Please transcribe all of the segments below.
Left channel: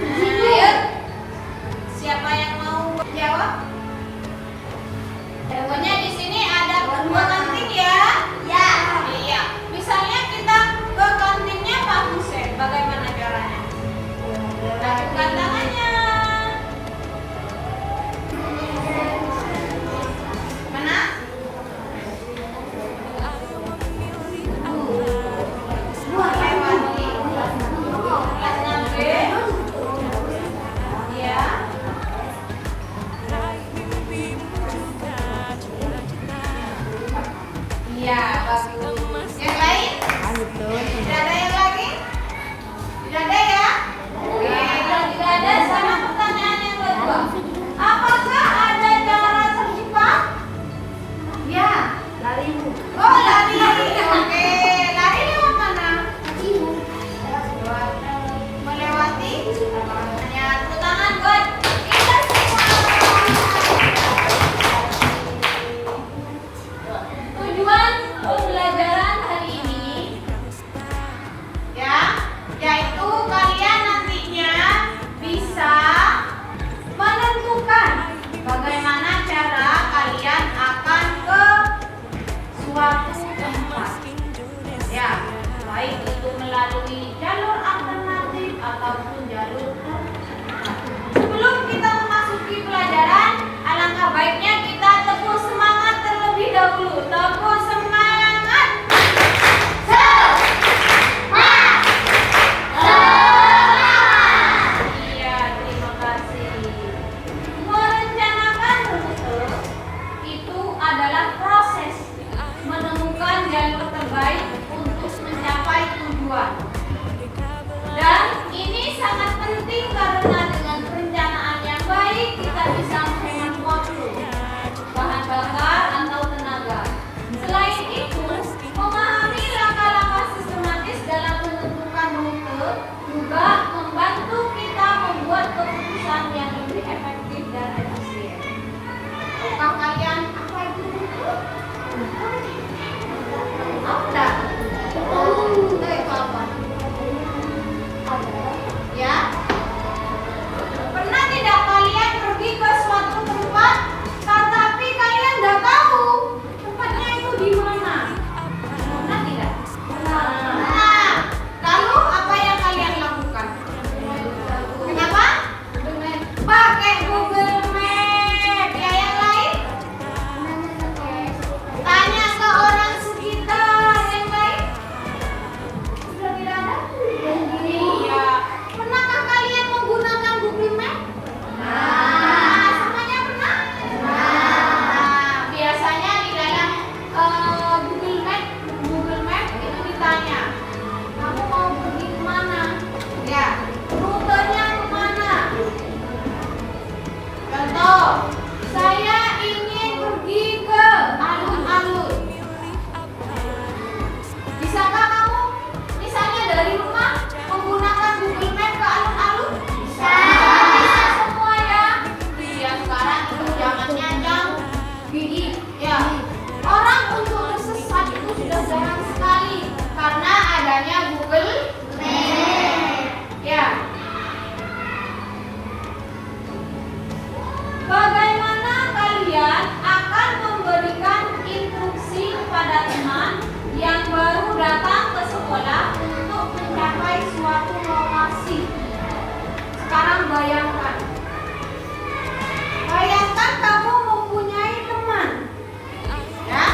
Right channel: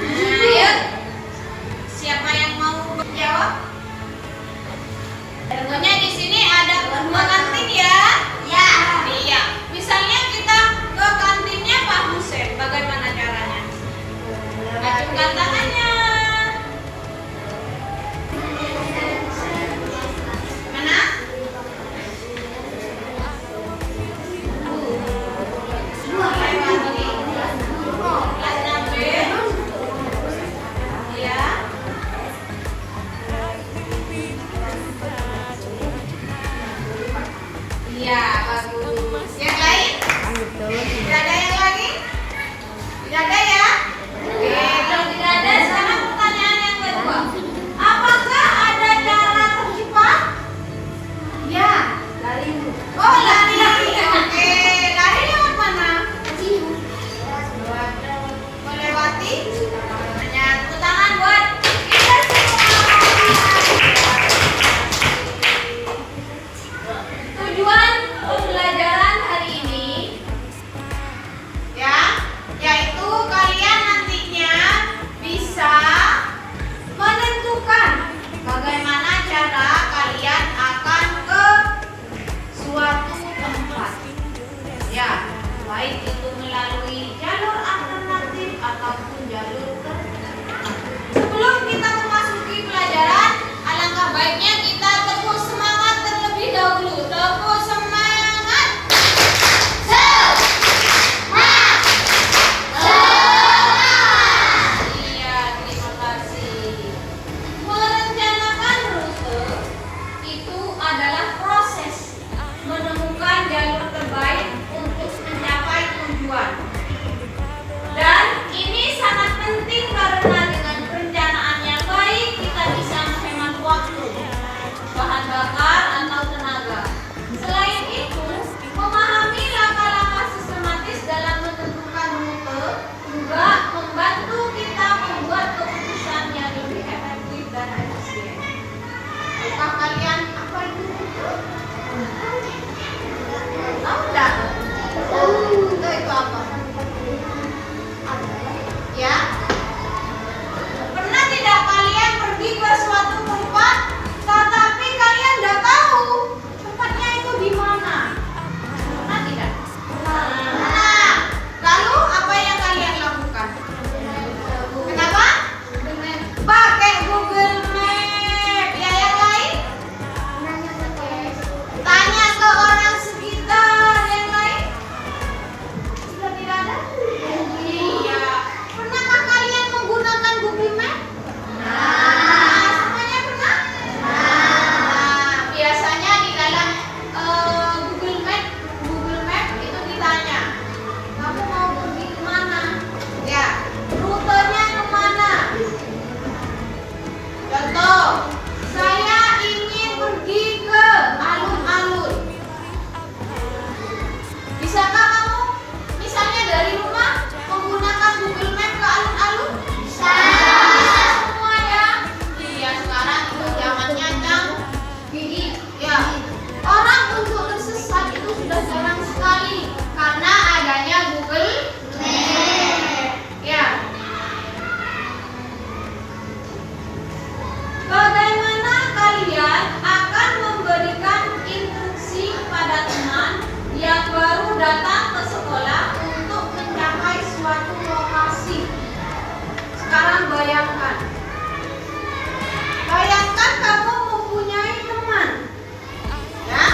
Ayo, siapa yang mau jawab? Tentunya di sini ada dua kantin ya. Ya. Iya. Misalnya kita ke kantinnya Pak Hussein, bagaimana caranya? Acungkan tangannya. Mana? Lewati. Kelas 6B. Iya. Iya, bagus. Yang lain? Tidak ada yang lagi? Tidak ada ya? Oke, kalau tidak ada, sekarang pertanyaan yang kedua. Apakah ada cara tercepat? Ya, lari. Oh, lari. Oke, lari lewat mana? Melewati? Hanya tepuk tangan buat kita semua. Tujuan pembelajaran hari ini ya, yaitu kalian nantinya bisa menentukan bagaimana cara kalian akan ke suatu tempat. Ya, baik itu melalui jalur alternatif ataupun jalur terbuka. Sebelum kita memasuki pelajaran, alangkah baiknya kita tepuk semangat terlebih dahulu. Tepuk semangat. Semangat. Iya, terima kasih. Merencanakan rute itu adalah proses menemukan jalur terbaik untuk mencapai tujuan. Dan ini sangat penting karena dengan perencanaan yang baik kita bisa menghemat waktu, bahan bakar atau tenaga. Selain itu, memahami langkah-langkah sistematis dalam menentukan rute juga membantu kita membuat keputusan yang lebih efektif dan efisien. Tahukah kalian apa itu rute? Tahu enggak? Rute itu apa? Ya? Pernah tidak kalian pergi ke suatu tempat, tetapi kalian tidak tahu tempatnya itu di mana? Pernah tidak? Nah, lalu apa yang kalian lakukan? Kenapa? Pakai Google Map. Ya, yang lain? Tanya ke orang sekitar. Yang lain? Sudah tidak ada? Iya. Pernahkah kalian menggunakan Google Map? Nah, semuanya pernah? Nah, biasanya di dalam Google Map itu ditanya, kamu mau pergi kemana? Ya, rutenya kemana? Contoh, saya ingin pergi ke alun-alun. Bisakah kamu misalnya dari rumah menggunakan Google Map ke alun-alun? Bisa. Bisa semua ya. Iya, sekarang itu zamannya canggih. Ya. Orang untuk tersesat itu sudah jarang sekali karena adanya Google Map. Ya. Bagaimana kalian akan memberikan instruksi kepada teman yang baru datang ke sekolah untuk mencapai suatu lokasi? Sekarang bayangkan kamu mempunyai teman, ya,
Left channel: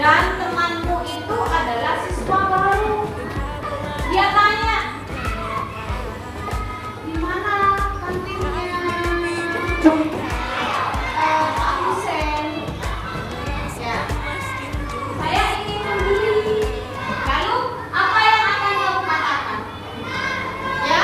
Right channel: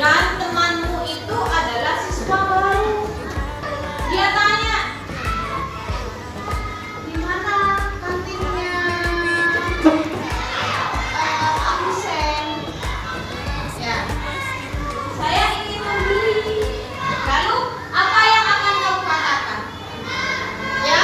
dan temanmu itu adalah siswa baru. Dia tanya, di mana kantinnya Pak Hussein? Ya, saya ingin membeli. Lalu apa yang akan kamu katakan? Ya,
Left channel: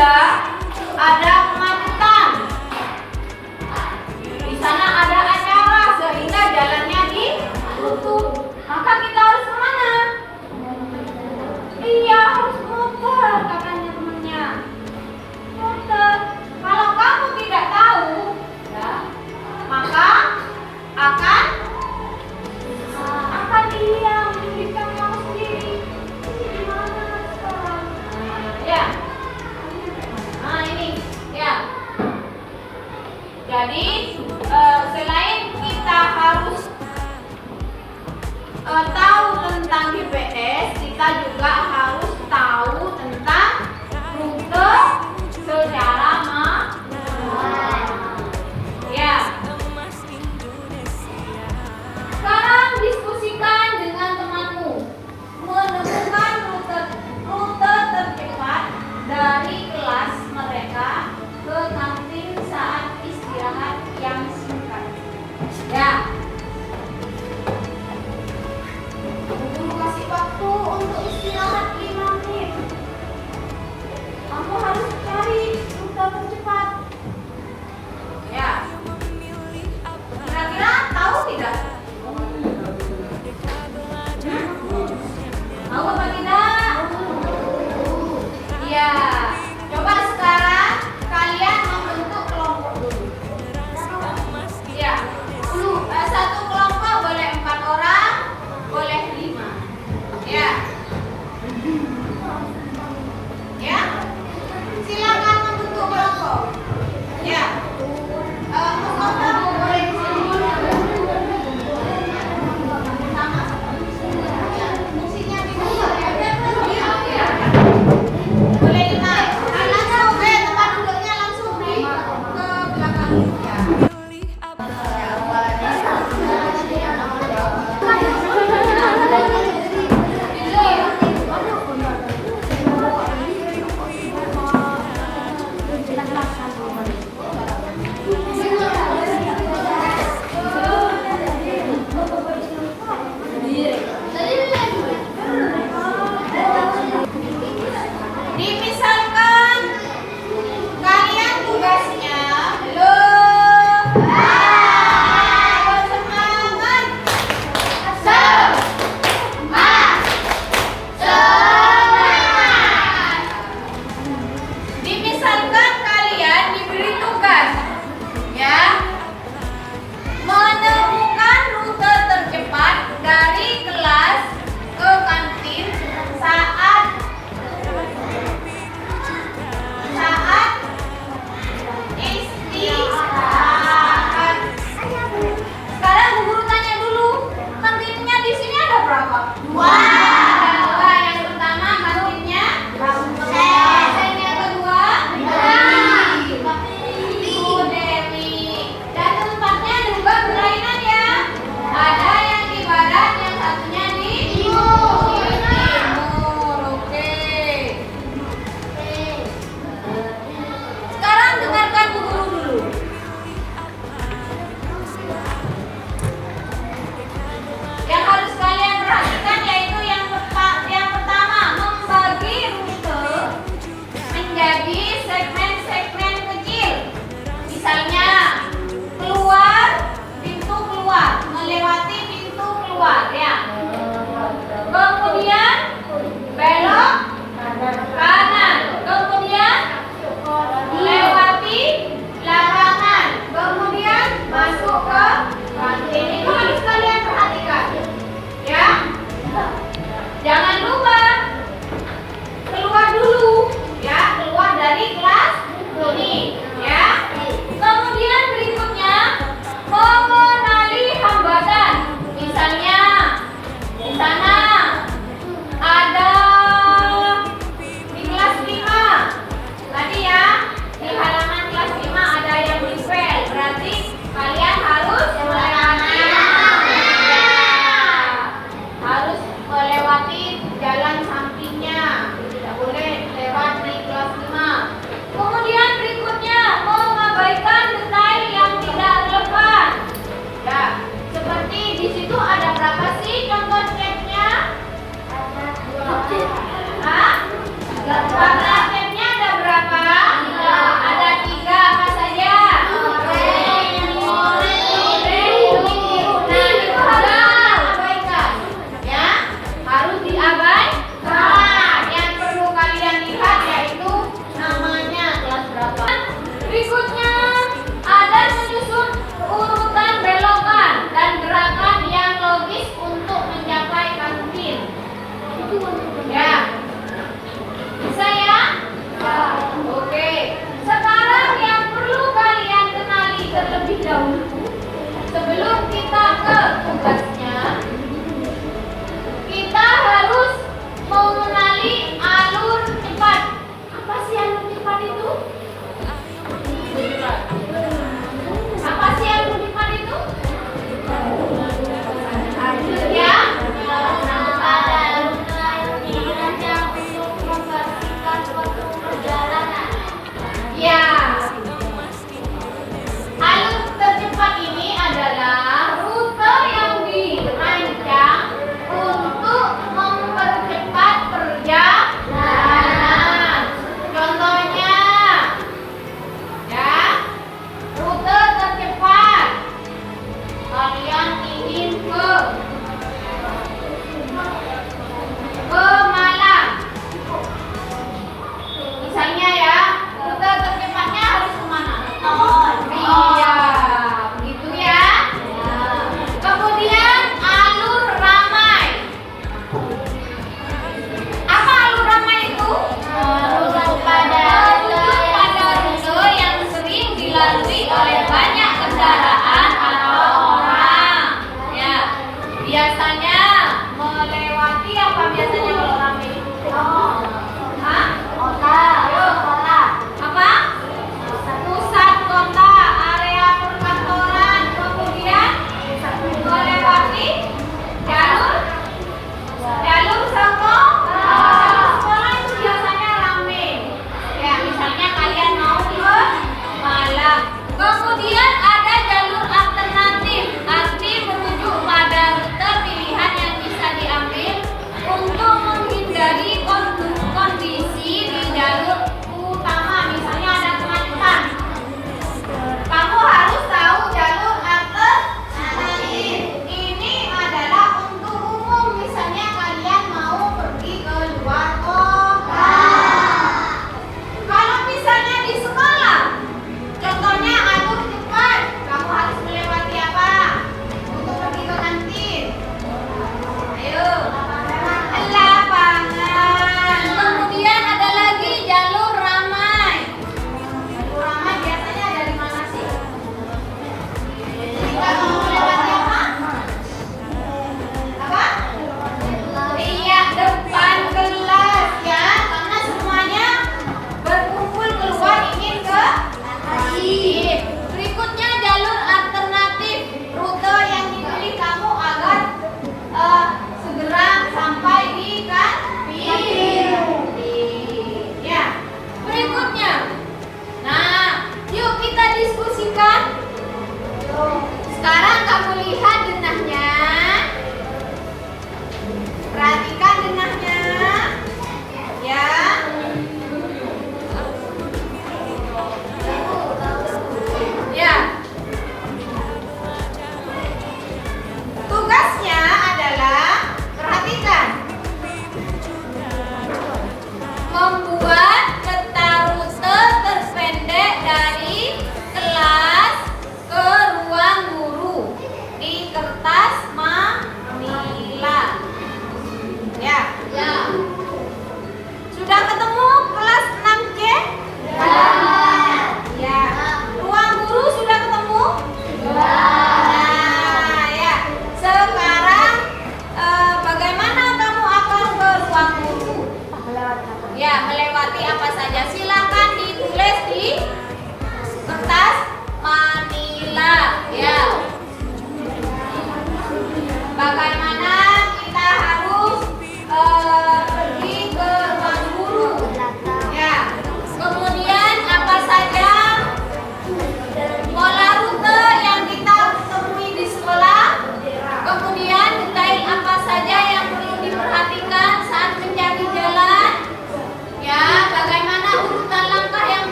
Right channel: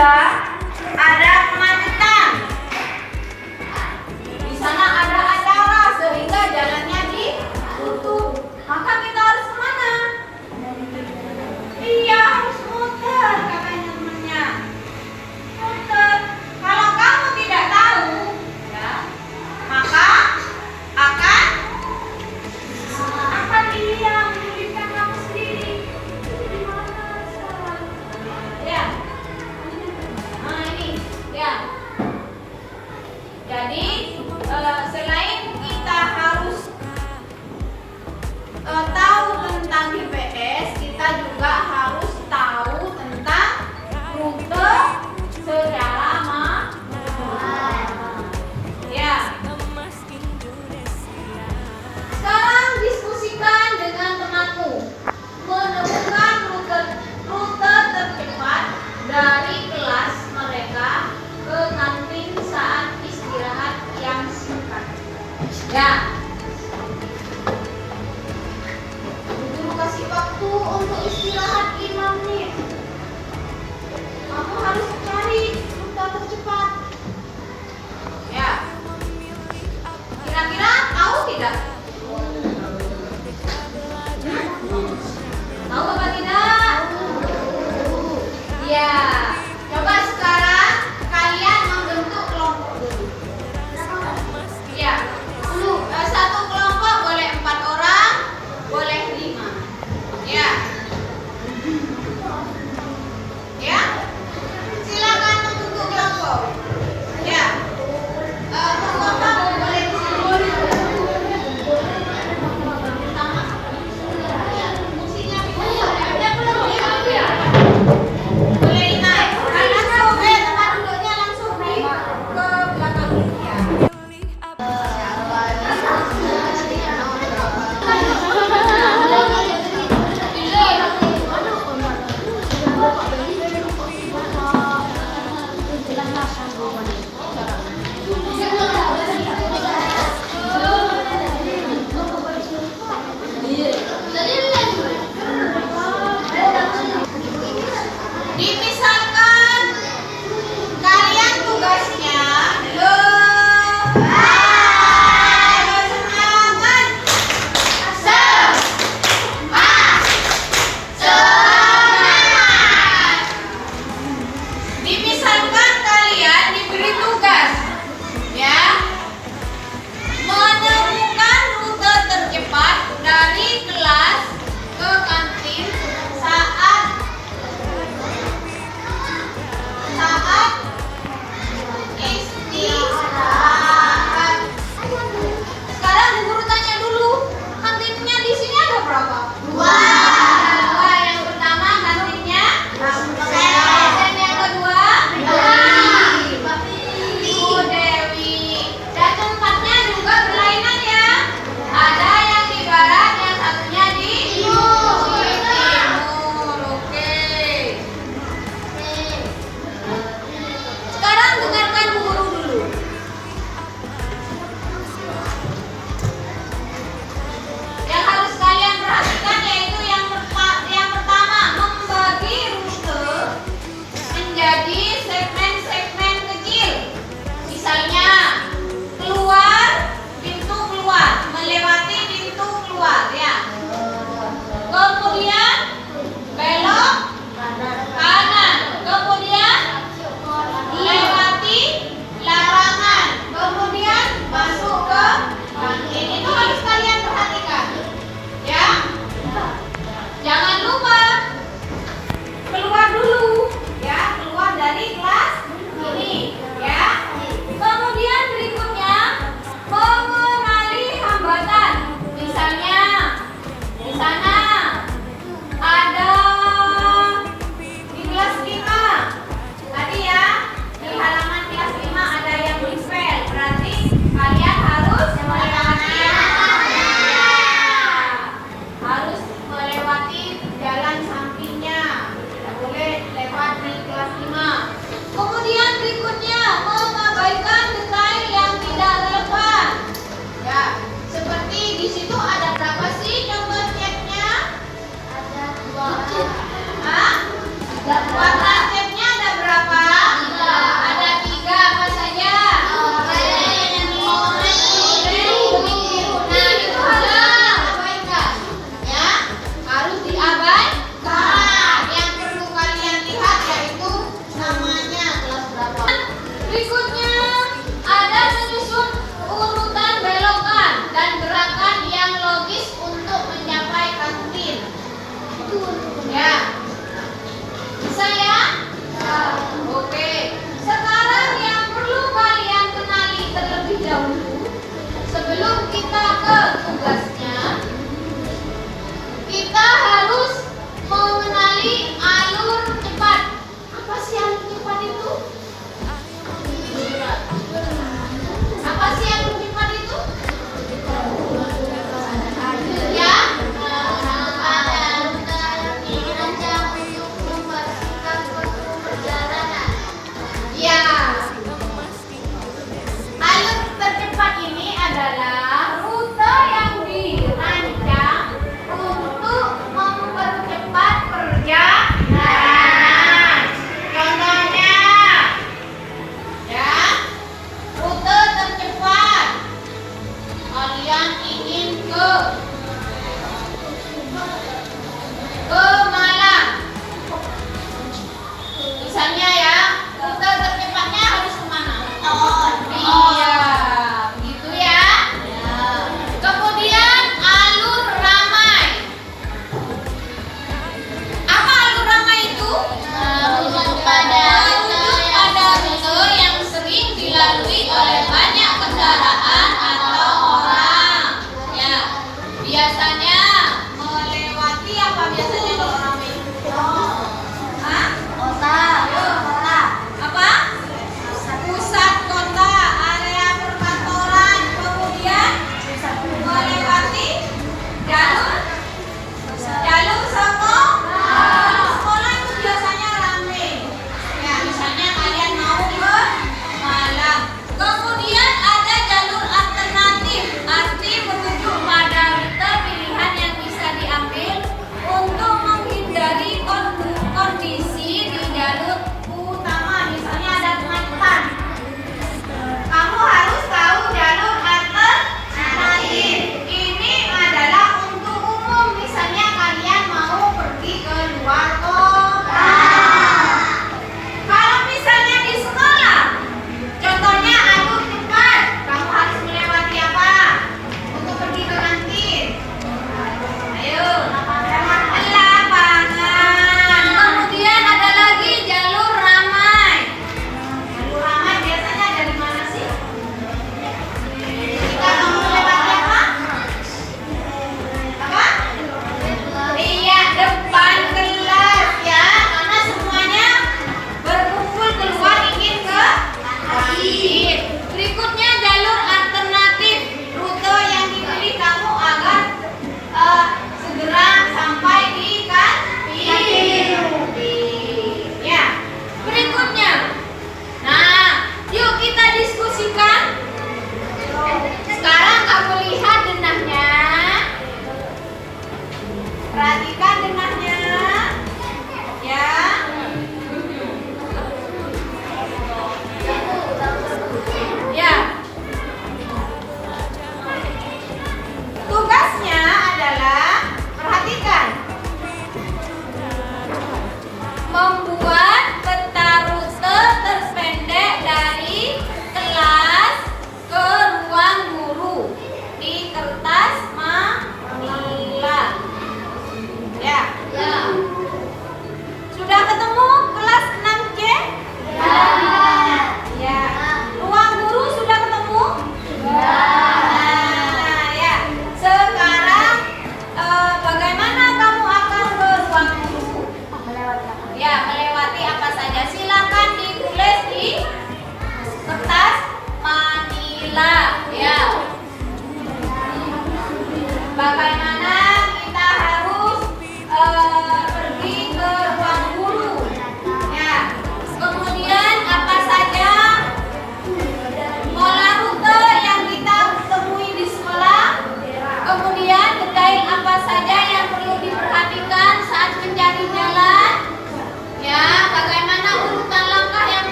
juga ada kemacetan. Di sana ada acara sehingga jalannya ditutup. Maka kita harus kemana? Iya, harus muter, katanya temannya. Muter. Kalau kamu tidak tahu, ya, maka akan dia menyulitkan kamu sendiri. Ini di mana sekarang? Ya. Nah ini, ya. Jadi selain kita harus tahu tentang GPS, kita juga harus tahu tentang rute secara manual. Ya. Sekarang diskusikan dengan temanmu menemukan rute tercepat dari kelas mereka ke kantin saat istirahat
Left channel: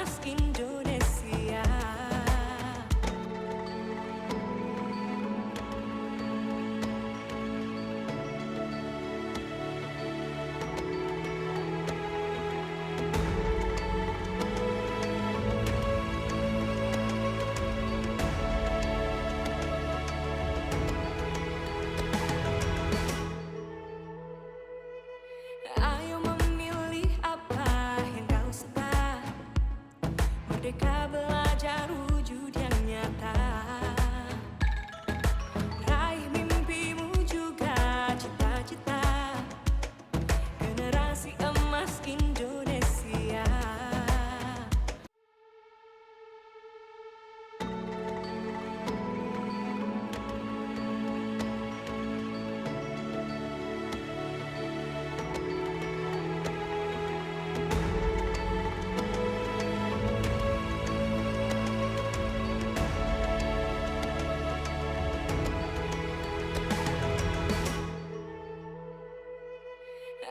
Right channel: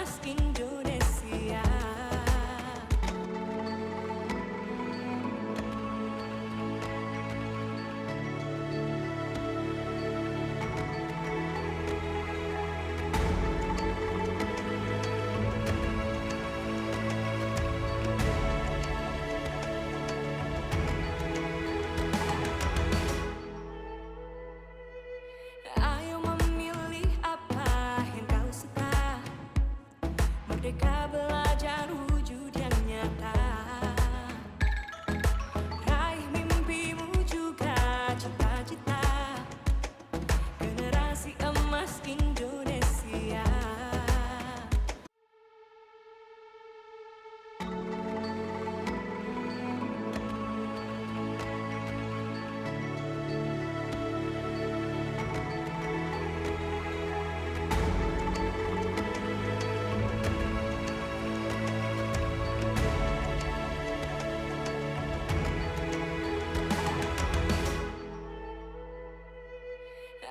emas Indonesia. Ayo memilih apa yang kau suka. Merdeka belajar wujud yang nyata. Raih mimpimu juga cita-cita. Generasi emas Indonesia.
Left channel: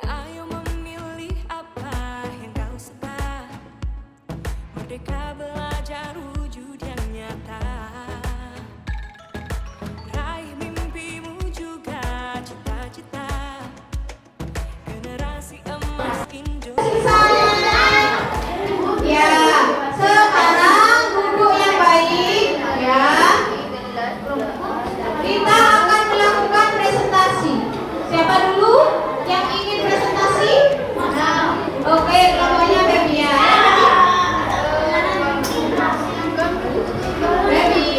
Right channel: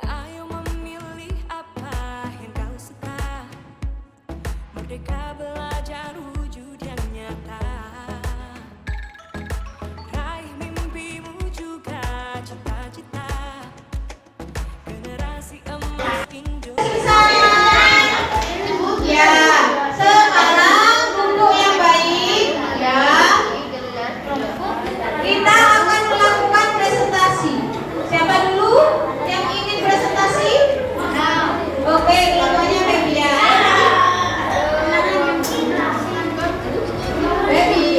Ayo memilih apa yang kau suka. Merdeka belajar wujud yang nyata. Raih mimpimu juga cita-cita. Generasi emas Indonesia. Ya, sekarang duduk yang baik ya. Kita akan melakukan presentasi. Siapa dulu yang ingin presentasi? Oke, kelompoknya Baby ya. Baby.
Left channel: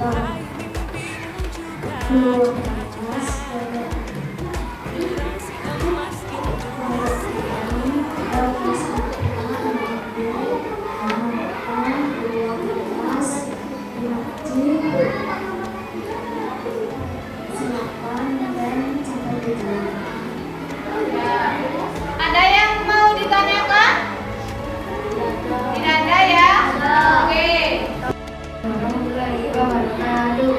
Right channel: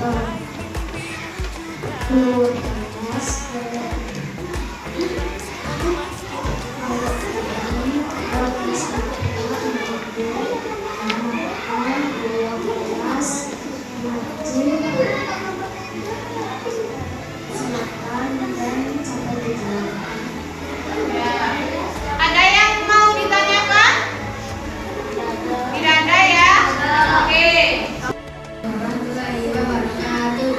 Raih mimpimu juga cita-cita. Generasi emas Indonesia. Ada yang mau ditanyakan? Tidak ada ya? Oke. Warahmatullahi wabarakatuh.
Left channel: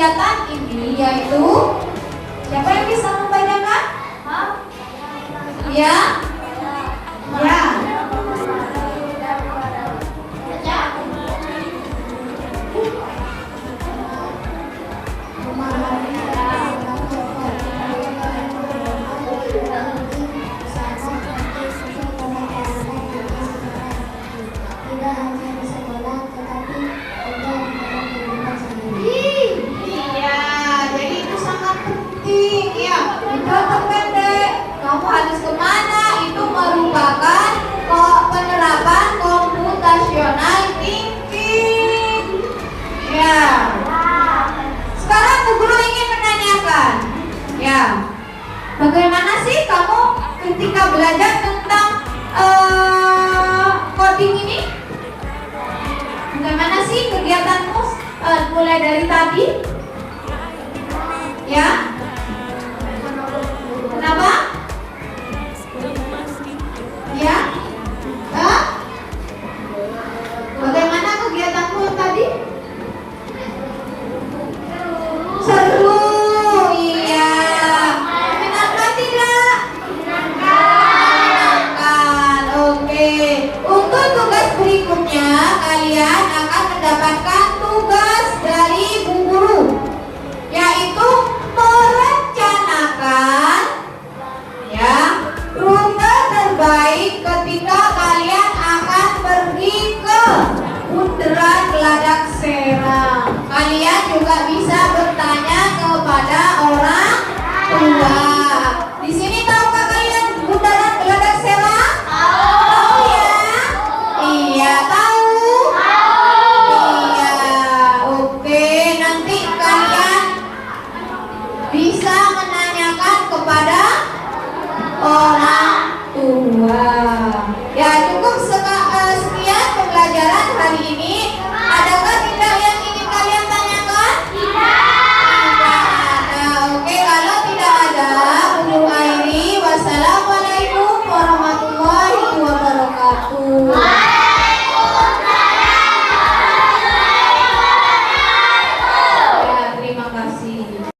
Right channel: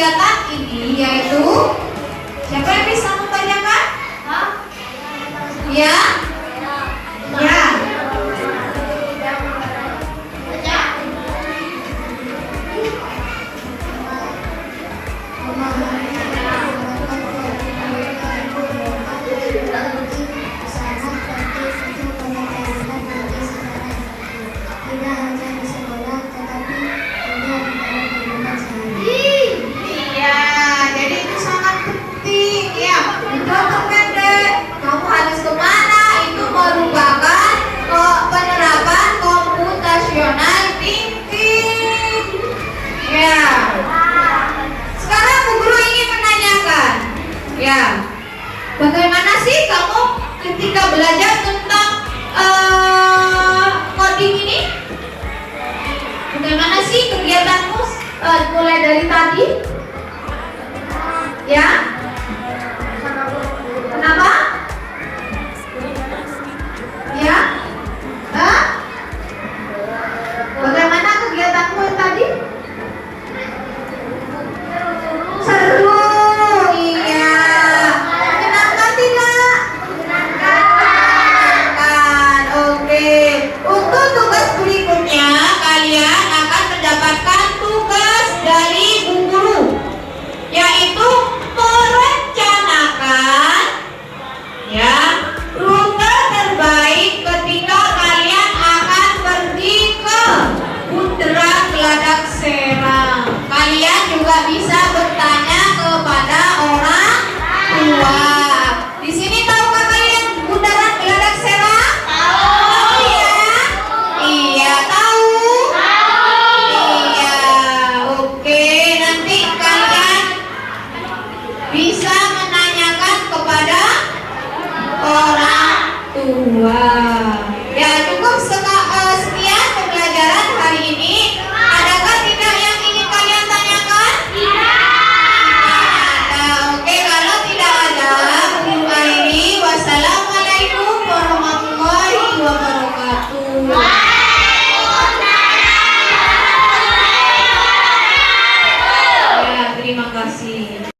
kegiatan ini yaitu, siapa yang bisa membacakan? Ya? Ya. Tidak hanya di sekolah, tetapi juga di dalam kehidupan sehari-hari. Iya, jadi itu sangat penting ya. Udah pendek, kamu harus kemana? Itu merupakan penerapan computational thinking. Ya. Sekarang Bu Guru ingin menanyakan, ya, bagaimana sih kamu ketika belajar tentang coding ini? Bagaimana sih kegiatanmu mulai dari tadi? Ya? Kenapa? Ya? Hah? Bagaimana kegiatanmu yang tadi? Seru, iya. Menyenangkan tidak? Menyenangkan, oke. Untuk tugas berikutnya, kalian akan mendapatkan tugas dari Bu Guru, yaitu merencanakan ya rute terbaik ketika kalian akan pergi ke Bundaran Geladak Serang. Kalian juga bisa bertanya kepada orang tua. Di sini tahukah kalian Bundaran Geladak Serang? Tahu ya? Iya, tahu. Iya, oke. Nanti kalian bisa